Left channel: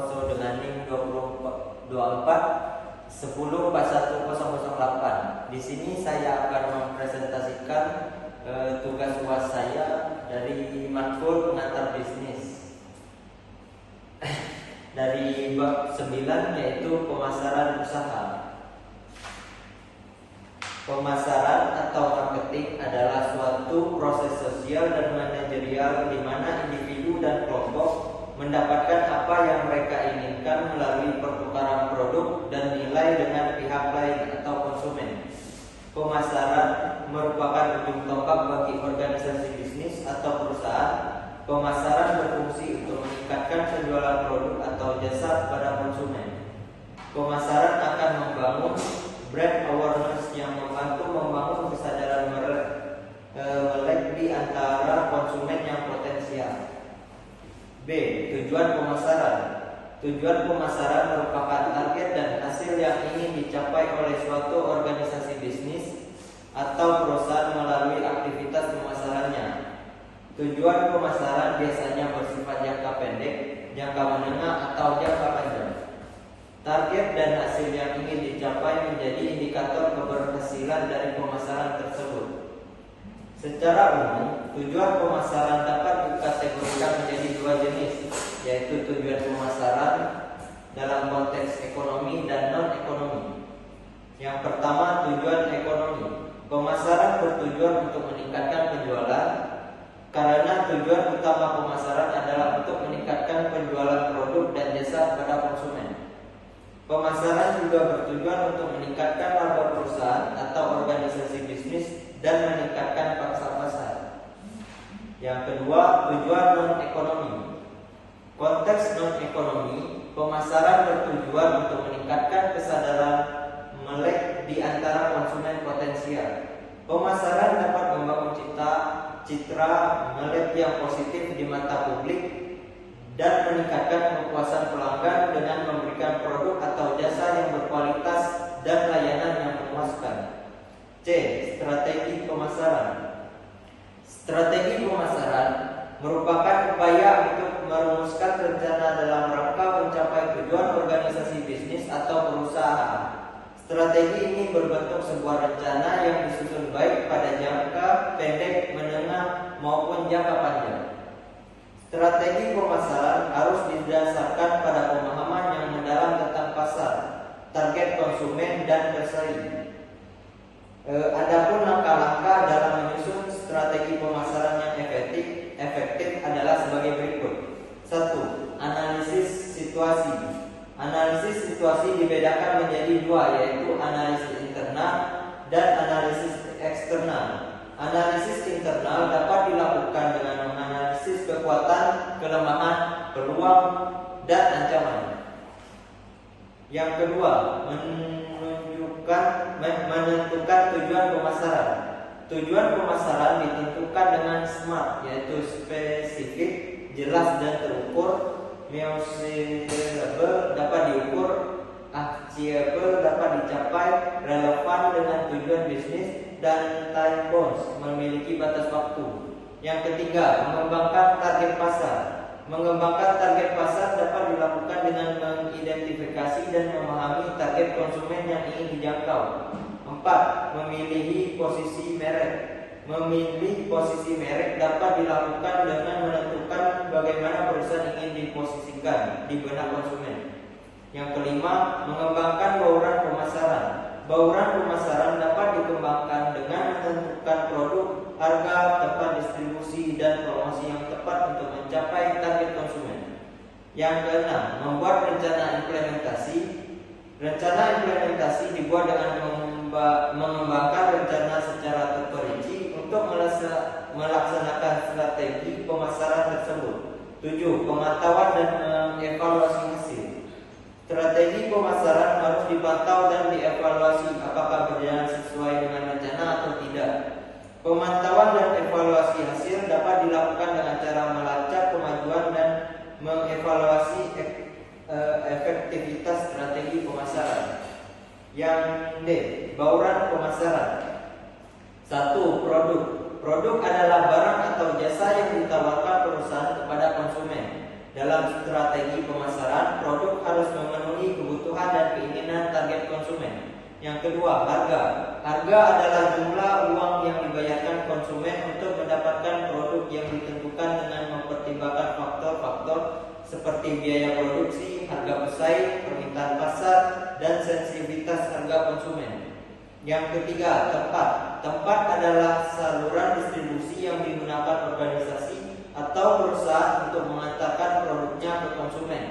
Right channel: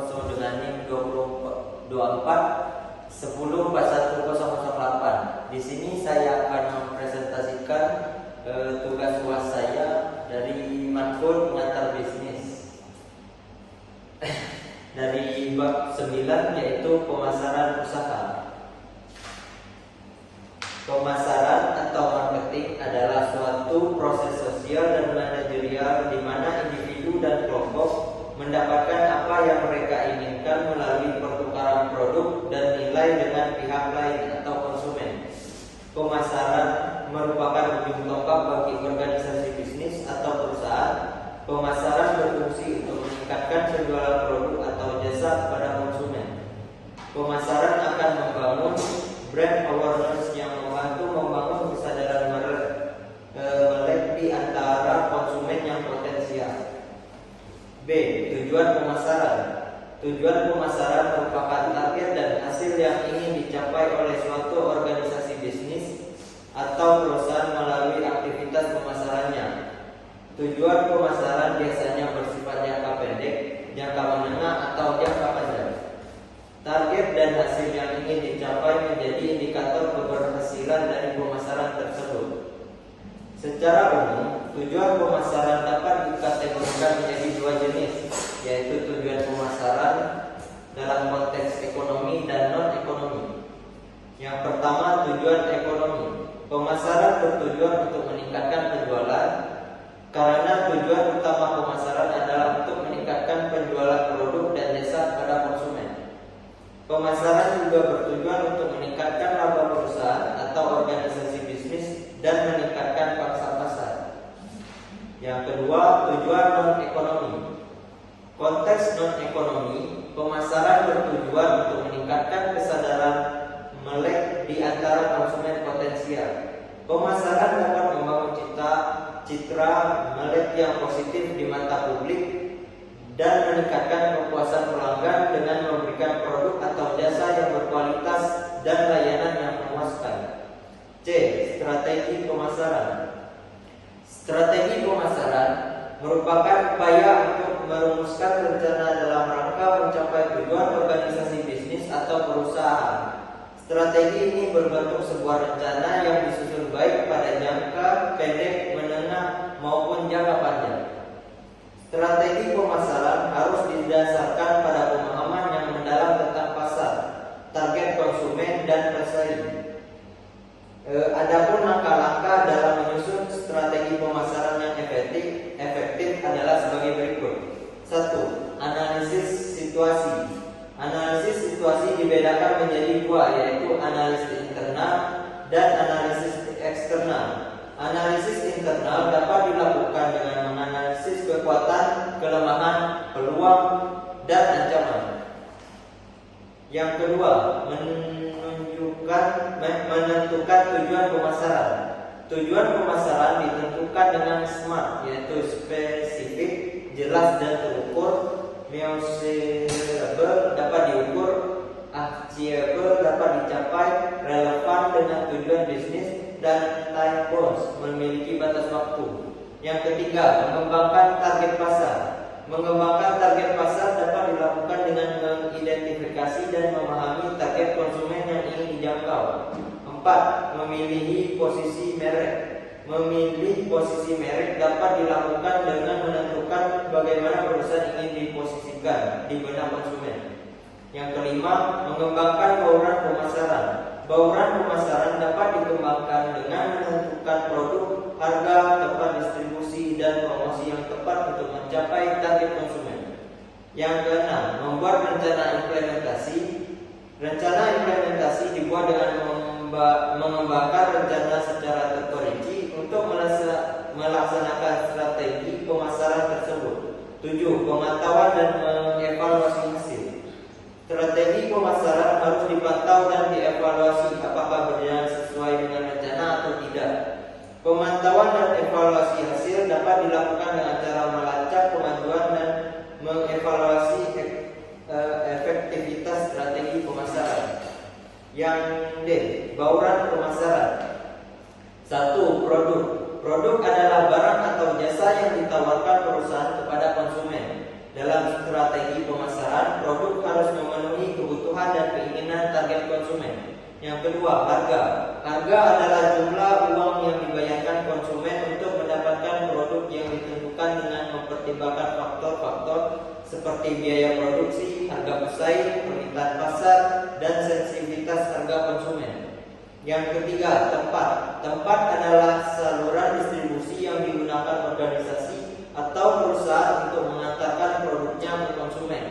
Poso dengan NIM 2024 104108. Di sini saya akan mempresentasikan tugas UAS saya dari matkul pengantar bisnis dari bab 9, yaitu pemasaran usaha. Pemasaran atau marketing adalah suatu proses sosial dan manajerial di mana individu dan kelompok mendapatkan apa yang mereka inginkan melalui pertukaran produk dan nilai dengan pihak lain atau konsumen. Pemasaran merupakan ujung tombak bagi organisasi bisnis atau perusahaan. Pemasaran berfungsi untuk meningkatkan penjualan produk atau jasa pada konsumen. Pemasaran akan membangun brand awareness yang membantu membangun kesadaran melek di antara konsumen yang potensial. B. Tujuan pemasaran. Tujuan pemasaran merupakan target dan hasil yang ingin dicapai oleh suatu organisasi bisnis atau perusahaan melalui aktivitas pemasarannya. Tujuan pemasaran biasanya bersifat jangka pendek, jangka menengah, atau jangka panjang. Target dan hasil yang ingin dicapai menjadi indikator keberhasilan dari pemasaran tersebut. Secara umum, tujuan pemasaran dapat dikategorikan menjadi dua jenis, yaitu tujuan pemasaran dalam konteks ekonomi dan non-ekonomi. Yang pertama, tujuan ekonomi. Pemasaran bertujuan untuk meningkatkan penjualan, karena tujuan utama pemasaran adalah untuk meningkatkan penjualan produk dan jasa pada konsumen. Pemasaran juga bertujuan untuk meningkatkan laba perusahaan atau organisasi bisnis dan meningkatkan pangsa pasar. Yang kedua, tujuan non-ekonomi. Konteks non-ekonomi, pemasaran bertujuan untuk meningkatkan kesadaran melek di antara konsumen potensial. Pemasaran dapat membangun citra melek yang positif di mata publik dan meningkatkan kepuasan pelanggan dengan memberikan produk atau jasa yang berkualitas dan layanan yang memuaskan. C. Strategi pemasaran. Strategi pemasaran merupakan upaya untuk merumuskan rencana dalam rangka mencapai tujuan organisasi bisnis atau perusahaan. Strategi ini berbentuk sebuah rencana yang disusun baik pada jangka pendek, menengah, maupun jangka panjang. Strategi pemasaran harus didasarkan pada pemahaman yang mendalam tentang pasar, target konsumen, dan pesaing. Adapun langkah-langkah dalam menyusun strategi pemasaran yang efektif adalah sebagai berikut. 1. Analisis situasi. Analisis situasi dibedakan menjadi dua, yaitu analisis internal dan analisis eksternal. Analisis internal dapat dilakukan dengan menganalisis kekuatan, kelemahan, peluang, dan ancaman. Yang kedua, menentukan tujuan pemasaran. Tujuan pemasaran ditentukan dengan SMART, yaitu spesifik, jelas dan terukur, measurable dapat diukur, achievable dapat dicapai, relevan dengan tujuan bisnis, dan time bounds memiliki batas waktu. Yang ketiga, mengembangkan target pasar. Mengembangkan target pasar dapat dilakukan dengan mengidentifikasi dan memahami target konsumen yang ingin dijangkau. 4. Memilih posisi merek. Memilih posisi merek dapat dilakukan dengan menentukan bagaimana perusahaan ingin diposisikan di benak konsumen. Yang kelima, mengembangkan bauran pemasaran. Bauran pemasaran dapat dikembangkan dengan menentukan produk, harga, tempat distribusi, dan promosi yang tepat untuk mencapai target konsumen. Yang keenam, membuat rencana implementasi. Rencana implementasi dibuat dengan mengembangkan rencana secara terperinci untuk melaksanakan strategi pemasaran tersebut. 7. Pemantauan dan mengevaluasi hasil. Strategi pemasaran harus dipantau dan dievaluasi apakah berjalan sesuai dengan rencana atau tidak. Pemantauan dan evaluasi hasil dapat dilakukan dengan cara melacak kemajuan dan mengevaluasi efektivitas strategi pemasaran. Yang D. Bauran pemasaran. 1. Produk. Produk adalah barang atau jasa yang ditawarkan perusahaan kepada konsumen. Dalam strategi pemasaran, produk harus memenuhi kebutuhan dan keinginan target konsumen. Yang kedua, harga. Harga adalah jumlah uang yang dibayarkan konsumen untuk mendapatkan produk yang ditentukan dengan mempertimbangkan faktor-faktor seperti biaya produksi, harga pesaing, permintaan pasar, dan sensitivitas harga konsumen. Yang ketiga, tempat. Tempat adalah saluran distribusi yang digunakan organisasi atau perusahaan untuk mengantarkan produknya ke konsumen.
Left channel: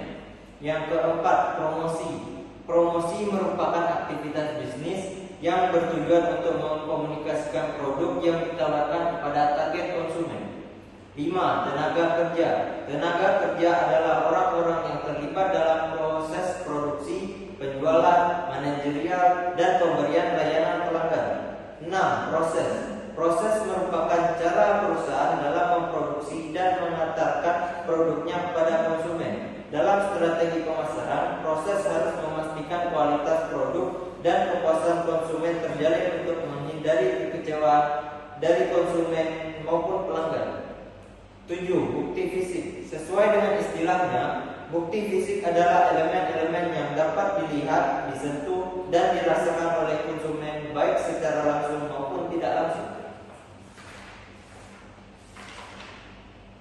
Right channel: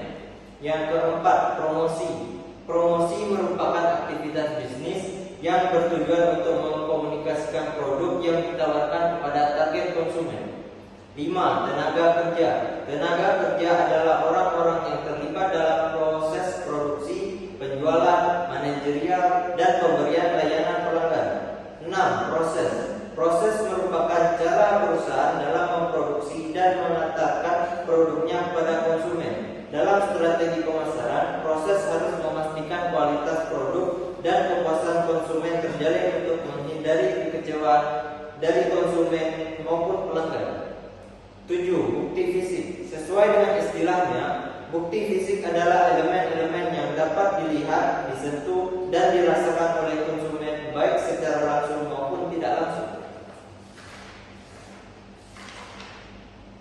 Yang keempat, promosi. Promosi merupakan aktivitas bisnis yang bertujuan untuk mengkomunikasikan produk yang ditawarkan kepada target konsumen. 5. Tenaga kerja. Tenaga kerja adalah orang-orang yang terlibat dalam proses produksi, penjualan, manajerial, dan pemberian layanan pelanggan. 6. Proses. Proses merupakan cara perusahaan dalam memproduksi dan mengantarkan produknya kepada konsumen. Dalam strategi pemasaran, proses harus memastikan kualitas produk dan kepuasan konsumen terjalin untuk menghindari kekecewaan dari konsumen maupun pelanggan. 7. Bukti fisik. Sesuai dengan istilahnya, bukti fisik adalah elemen-elemen yang dapat dilihat, disentuh, dan dirasakan oleh konsumen baik secara langsung maupun tidak langsung.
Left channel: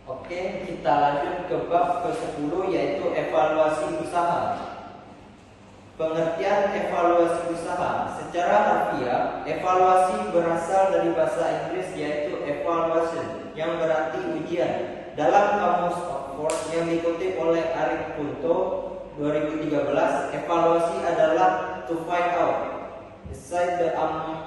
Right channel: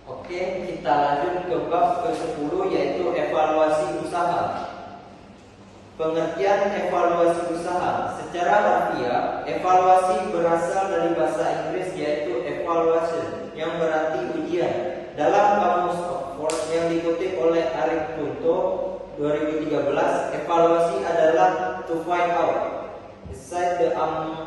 Oke, kita lanjut ke bab ke-10 yaitu evaluasi usaha. Pengertian evaluasi usaha. Secara harfiah, evaluasi berasal dari bahasa Inggris yaitu evaluation yang berarti ujian. Dalam Kamus Oxford yang dikutip oleh Arif Kunto 2013, evaluasi adalah to find out, decide the amount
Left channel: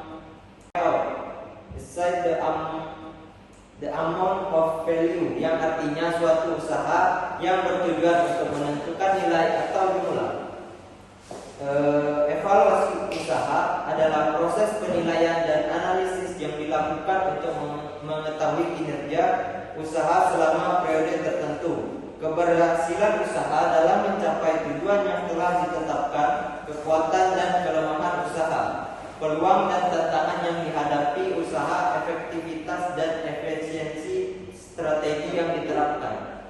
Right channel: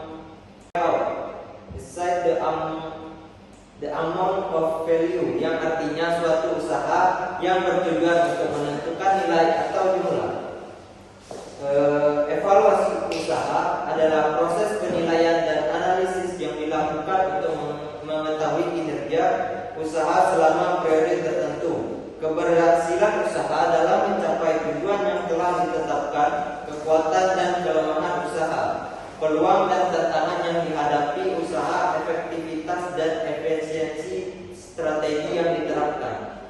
of value, yang artinya suatu usaha yang bertujuan untuk menentukan nilai atau jumlah. Evaluasi usaha adalah proses penilaian dan analisis yang dilakukan untuk mengetahui kinerja usaha selama periode tertentu, keberhasilan usaha dalam mencapai tujuan yang telah ditetapkan, kekuatan dan kelemahan usaha, peluang dan tantangan yang dihadapi usaha, efektivitas dan efisiensi strategi yang diterapkan.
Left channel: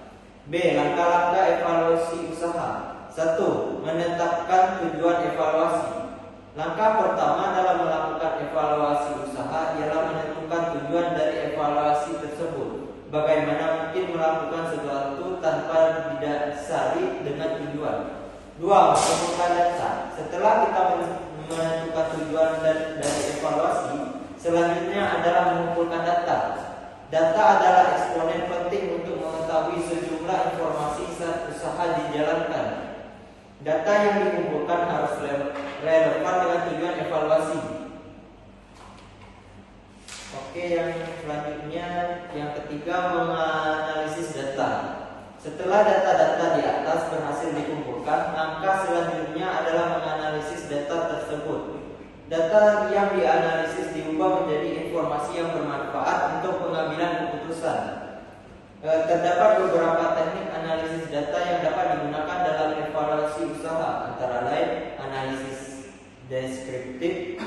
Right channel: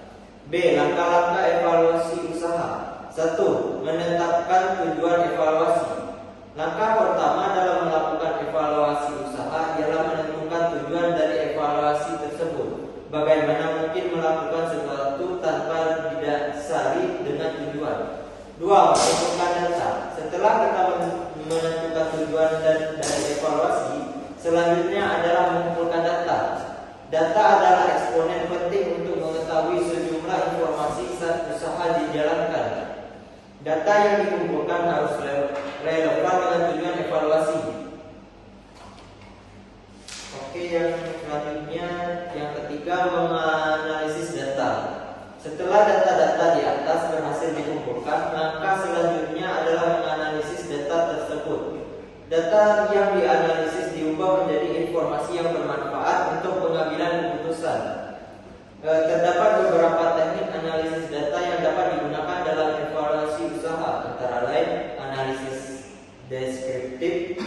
B. Langkah-langkah evaluasi usaha. 1. Menetapkan tujuan evaluasi. Langkah pertama dalam melakukan evaluasi usaha ialah menentukan tujuan dari evaluasi tersebut. Bagaimana mungkin melakukan sesuatu tanpa didasari dengan tujuan. 2. Mengumpulkan data. Setelah kita menentukan tujuan dari evaluasi, selanjutnya adalah mengumpulkan data. Data adalah eksponen penting untuk mengetahui sejumlah informasi saat usaha dijalankan. Data yang dikumpulkan harus relevan dengan tujuan evaluasi. Oke, yang selanjutnya, yang ketiga, menganalisis data. Setelah data-data di atas berhasil dikumpulkan, langkah selanjutnya adalah menganalisis data tersebut. Data yang dianalisis diubah menjadi informasi yang bermanfaat untuk pengambilan keputusan. Terdapat beberapa teknik analisis data yang dapat digunakan dalam evaluasi usaha, antara lain analisis deskriptif,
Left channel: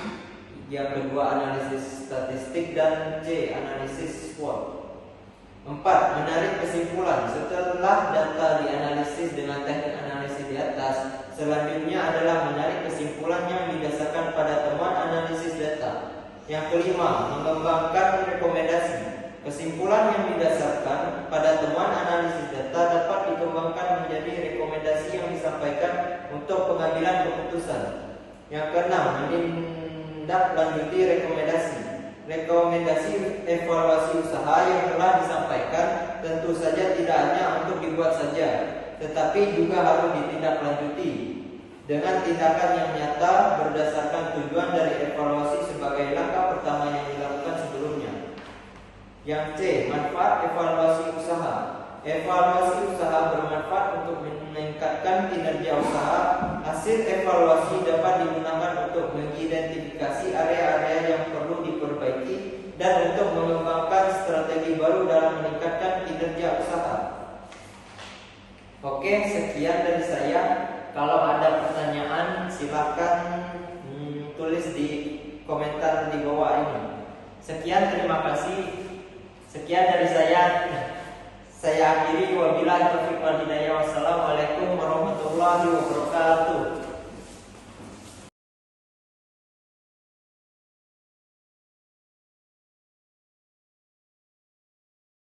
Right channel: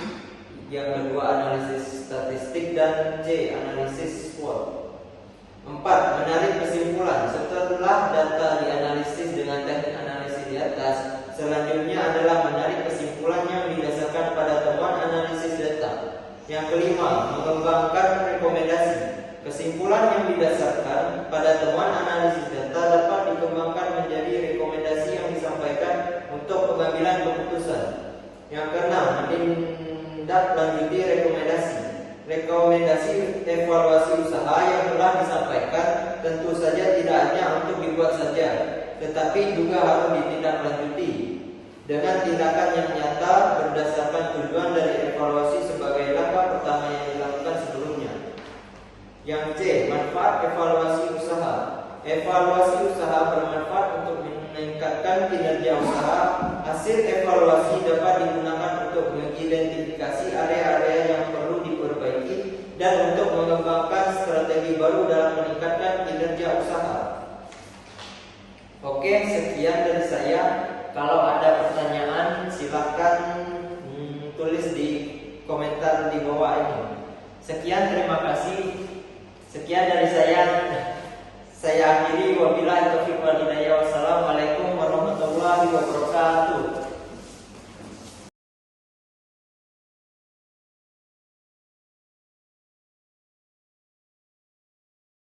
yang kedua analisis statistik, dan C. analisis SWOT. 4. Menarik kesimpulan. Setelah data dianalisis dengan teknik analisis di atas, selanjutnya adalah menarik kesimpulan yang didasarkan pada temuan analisis data. Yang kelima, mengembangkan rekomendasi. Kesimpulan yang didasarkan pada temuan analisis data dapat dikembangkan menjadi rekomendasi yang disampaikan untuk pengambilan keputusan. Yang keenam, menindaklanjuti rekomendasi. Rekomendasi evaluasi usaha yang telah disampaikan tentu saja tidak hanya untuk dibuat saja, tetapi juga harus ditindaklanjuti dengan tindakan yang nyata berdasarkan tujuan dari evaluasi sebagai langkah pertama yang dilakukan sebelumnya. Yang C. Manfaat evaluasi usaha. Evaluasi usaha bermanfaat untuk meningkatkan kinerja usaha. Hasil evaluasi dapat digunakan untuk mengidentifikasi area-area yang perlu diperbaiki dan untuk mengembangkan strategi baru dalam meningkatkan kinerja usaha. Oke, sekian dari saya. Kalau ada pertanyaan, silakan tulis di komentar di bawah ini. Sekian, terima kasih. Sekian dari saya. Saya akhiri, wabillahi taufiq wal hidayah. wabarakatuh.